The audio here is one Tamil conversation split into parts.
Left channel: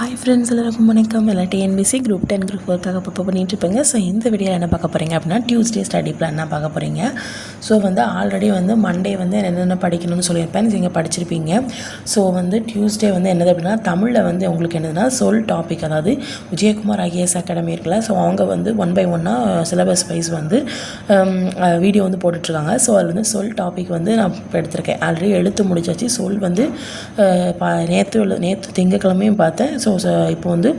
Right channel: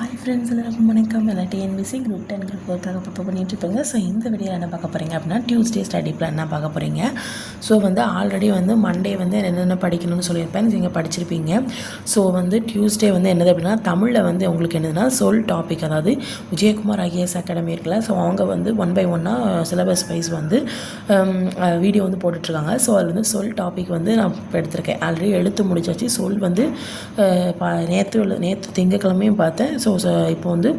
ஹாய் ஃப்ரெண்ட்ஸ் எல்லாருக்கும் வணக்கம். எல்லாம் டிஎன்பிசி குரூப் டென் குரூப் ஒர்க்காக ப்ரிப்பேர் பண்ணிட்டு இருப்பீங்க. ஸோ இந்த வீடியோவில் என்ன பார்க்க போகிறீங்க அப்படின்னா டியூஸ்டே ஸ்டடி பிளான் என்ன பார்க்க போகிறீங்க ஸோ வந்து ஆல்ரெடி வந்து மண்டே வந்து என்னென்ன படிக்கணும்னு சொல்லியிருப்பேன். நீங்கள் படிச்சிருப்பீங்க. ஸோ வந்து டியூஸ்டே வந்து என்னது அப்படின்னா தமிழில் வந்து உங்களுக்கு என்னதுன்னா சொல் டாபிக் அதாவது விஜயகுமார் ஐஏஎஸ் அகாடமி இருக்குல்ல. ஸோ அவங்க வந்து ஒன் பை ஒன்னாக சிலபஸ் வைஸ் வந்து வீடியோ வந்து போட்டுட்ருக்காங்க. ஸோ அதில் வந்து சொல் டாபிக் வந்து நான் எடுத்திருக்கேன். ஆல்ரெடி எழுத்து முடிச்சாச்சு சொல் வந்து நேற்று நேற்று திங்கக்கிழமையும் பார்த்தேன். ஸோ ஸோ இப்போ வந்து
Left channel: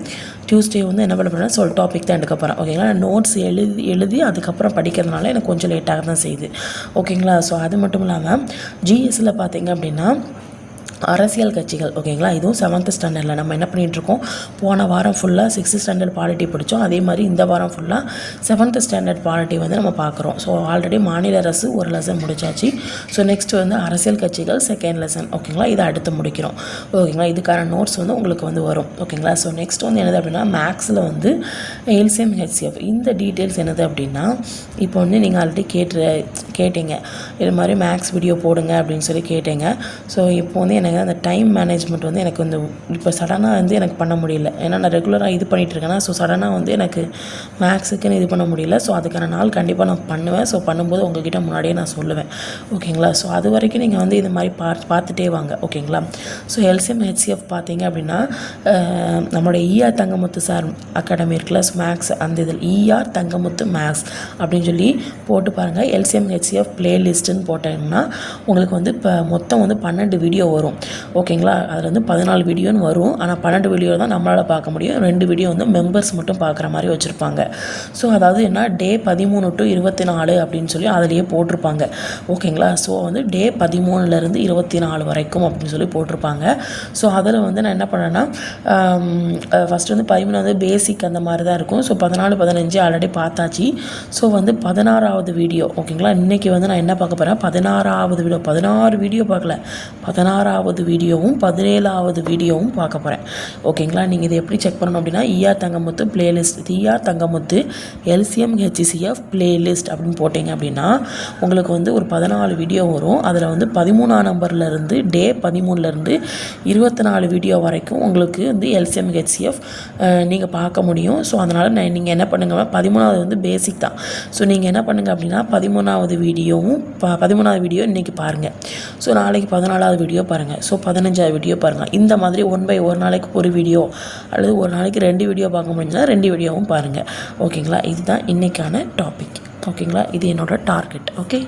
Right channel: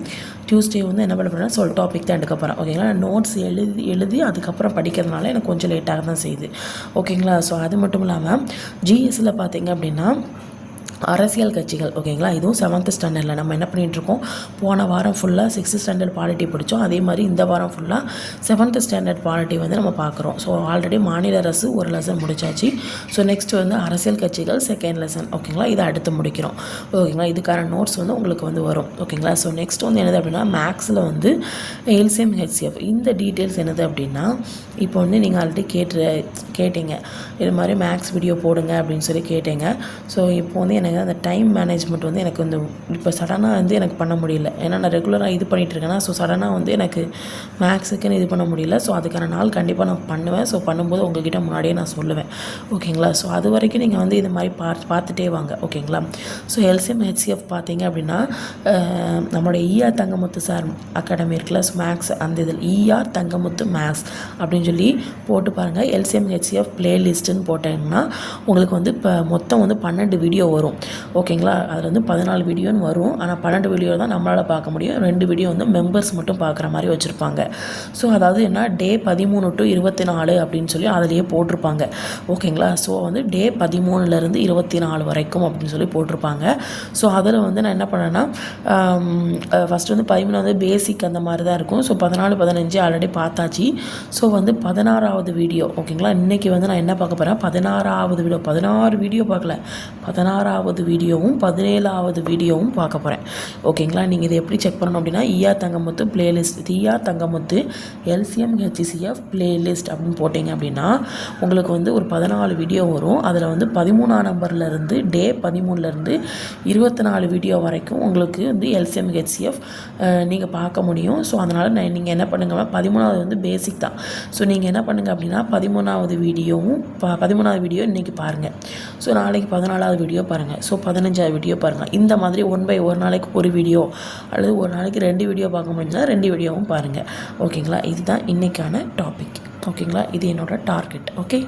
டியூஸ்டே வந்து என்ன பண்ண போகிறேன்னா சொல் டாபிக் தான் எடுக்க போகிறேன் ஓகேங்களா நோட்ஸ் எழுதி எழுதி அதுக்கப்புறம் படிக்கிறதுனால எனக்கு கொஞ்சம் லேட்டாக தான் செய்யுது. ஓகேங்களா ஸோ அது மட்டும் இல்லாமல் ஜிஎஸ்சில் பார்த்தீங்க அப்படின்னா அரசியல் கட்சிகள் ஓகேங்களா? இதுவும் செவன்த் ஸ்டாண்டர்டில் நம்ம என்ன பண்ணிகிட்ருக்கோம் போன வாரம் ஃபுல்லாக சிக்ஸ்த் ஸ்டாண்டர்ட் பாலிட்டி படித்தோம் அதே மாதிரி இந்த வாரம் ஃபுல்லாக செவன்த் ஸ்டாண்டர்ட் பாலிட்டி வந்து நம்ம பார்க்குறோம். ஸோ ஆல்ரெடி மாநில அரசு ஒரு லெசன் முடிச்சாச்சு. ஸோ நெக்ஸ்ட் வந்து அரசியல் கட்சிகள் செகண்ட் லெசன் ஓகேங்களா? இதை அடுத்து முடிக்கிறோம். ஓகேங்களா? இதுக்கான நோட்ஸ் வந்து உங்களுக்கு வந்து வரும். ஓகேங்களா? ஸோ நெக்ஸ்ட் வந்து என்னது அப்படின்னா மேக்ஸில் வந்து எல்சிஎம் ஹெச்சிஎஃப் இந்த டீட்டெயில்ஸ் என்னது அப்படின்னா இப்போ வந்து நீங்கள் ஆல்ரெடி கேட்டு கேட்டீங்க. இது மாதிரி மேக்ஸ் வீடியோ போடுங்க அப்படின்னு சொல்லி கேட்டீங்க. ஸோ இப்போ வந்து எனக்கு அந்த டைம் மேனேஜ்மெண்ட் வந்து எனக்கு வந்து இப்போ சடனாக வந்து எனக்கு பண்ண முடியல. ஏன்னா நான் ரெகுலராக இது பண்ணிகிட்ருக்கேன்னா ஸோ சடனாக வந்து எனக்கு மேக்ஸுக்குன்னு இது பண்ண முடியல. ஸோ அதுக்கான நாள் கண்டிப்பாக நான் பண்ணுவேன். ஸோ பண்ணும்போது உங்ககிட்ட முன்னாடியே நான் சொல்லுவேன். ஓகேங்களா? ஸோ அது வரைக்கும் நீங்கள் வந்து இது மாதிரி பார்த்து பார்த்துட்டே வாங்க. ஓகேங்களா? ஸோ எல்சிஎம் ஹெச்சிஎஃப் பார்த்தீங்க அப்படின்னா நம்மளுடைய இஆர் தங்கமுத்து சார் அகாடமி இருக்குல்ல ஸோ மேக்ஸ் அந்த இதில் இஆர் தங்கமுத்து மேக்ஸ் அப்படின்னு சொல்லி போட்டு பாருங்கள் எல்சிஎம் ஹெச்சிஎஃப் பிளேலிஸ்ட்டுன்னு போட்டீங்கன்னா உங்களுக்கு வந்து இப்போ மொத்தம் வந்து பன்னெண்டு வீடியோ வரும். ஓகேங்களா? அதில் வந்து பதினாலு வீடியோன்னு வரும். ஆனால் பன்னெண்டு வீடியோ தான் நம்மளால் பார்க்க முடியும். ரெண்டு வீடியோ வந்து மெம்பர்ஸ் மட்டும் பார்க்குற மாதிரி வச்சுருப்பாங்க. ஸோ அதாவது என்ன? டே பதிமூணு டு இருபத்தி நாலு அப்படின்னு சொல்லி அதிலேயே போட்டிருப்பாங்க. ஓகேங்களா? ஸோ வந்து டே பதிமூணுலேருந்து இருபத்தி நாலு வரைக்கும் அப்படின்னு சொல்லி போட்டிருப்பாங்க. ஸோ அதில் வந்து நான் என்ன பண்ணேன்னா ஃபஸ்ட்டு வந்து பதிமூணாவது பேசிக் அந்த மாதிரி தான் இருக்கும். ஸோ பதினாலு பதினஞ்சு ஆல்ரெடி பார்த்தாச்சு. ஸோ வந்து பதினாறாவது வீடியோ ஓகேங்களா? இன்றைக்கி வந்து நான் என்ன பார்க்க போகிறேன் பதினாறாவது வீடியோ பதினாறு வீடியோ பார்க்கல. பதினாறாவது வீடியோவும் பதினேழாவது வீடியோவும் பார்க்க போகிறேன் ஓகேங்களா? நீங்கள் இதை எப்படி செக் பண்ணணும் அப்படின்னா ER Thangamuthu playlist ER Thangamuthu LCM HCCF playlist அப்படின்னு போட்டிங்க அப்படின்னா உங்களுக்கு வந்து ஒரு பதினாலு வீடியோ வரும். அதில் வந்து பதிமூணாம் நம்பர்லேருந்து டே பதிமூணுலேருந்து இருபத்தி நாலு வீடியோ வரைக்கும் உங்களுக்கு வந்து எல்சிஎம் ஹெச்சிஎஃப் நீங்கள் பார்க்க முடியும். ஸோ அதனால் நீங்கள் என்ன பண்ணுங்கள் பதிமூணாவது வந்து பேசிக் தான். ஸோ நீங்கள் என்ன பண்ணுங்கள் அப்படின்னா பதிமூணாவது வீடியோவும் ப பதிமூணாவது வீடியோ இன்றைக்கி பாருங்கள் ஸோ நாளைக்கு பதினாலாவது வீடியோ பாருங்கள் ஸோ பதினஞ்சாவது வீடியோ பாருங்கள் இந்த மாதிரி ஒன் பை ஒரு நாளைக்கு ஒரு வீடியோ அல்லது ஒரு நாளைக்கு ரெண்டு வீடியோ பார்க்க முடிஞ்சால் ரெண்டு வீடியோவும் பாருங்கள் ஓகேங்களா இதுதான் இன்றைக்கான டாபிக் ஓகேங்களா இது என்னோடய டார்கெட் ஓகே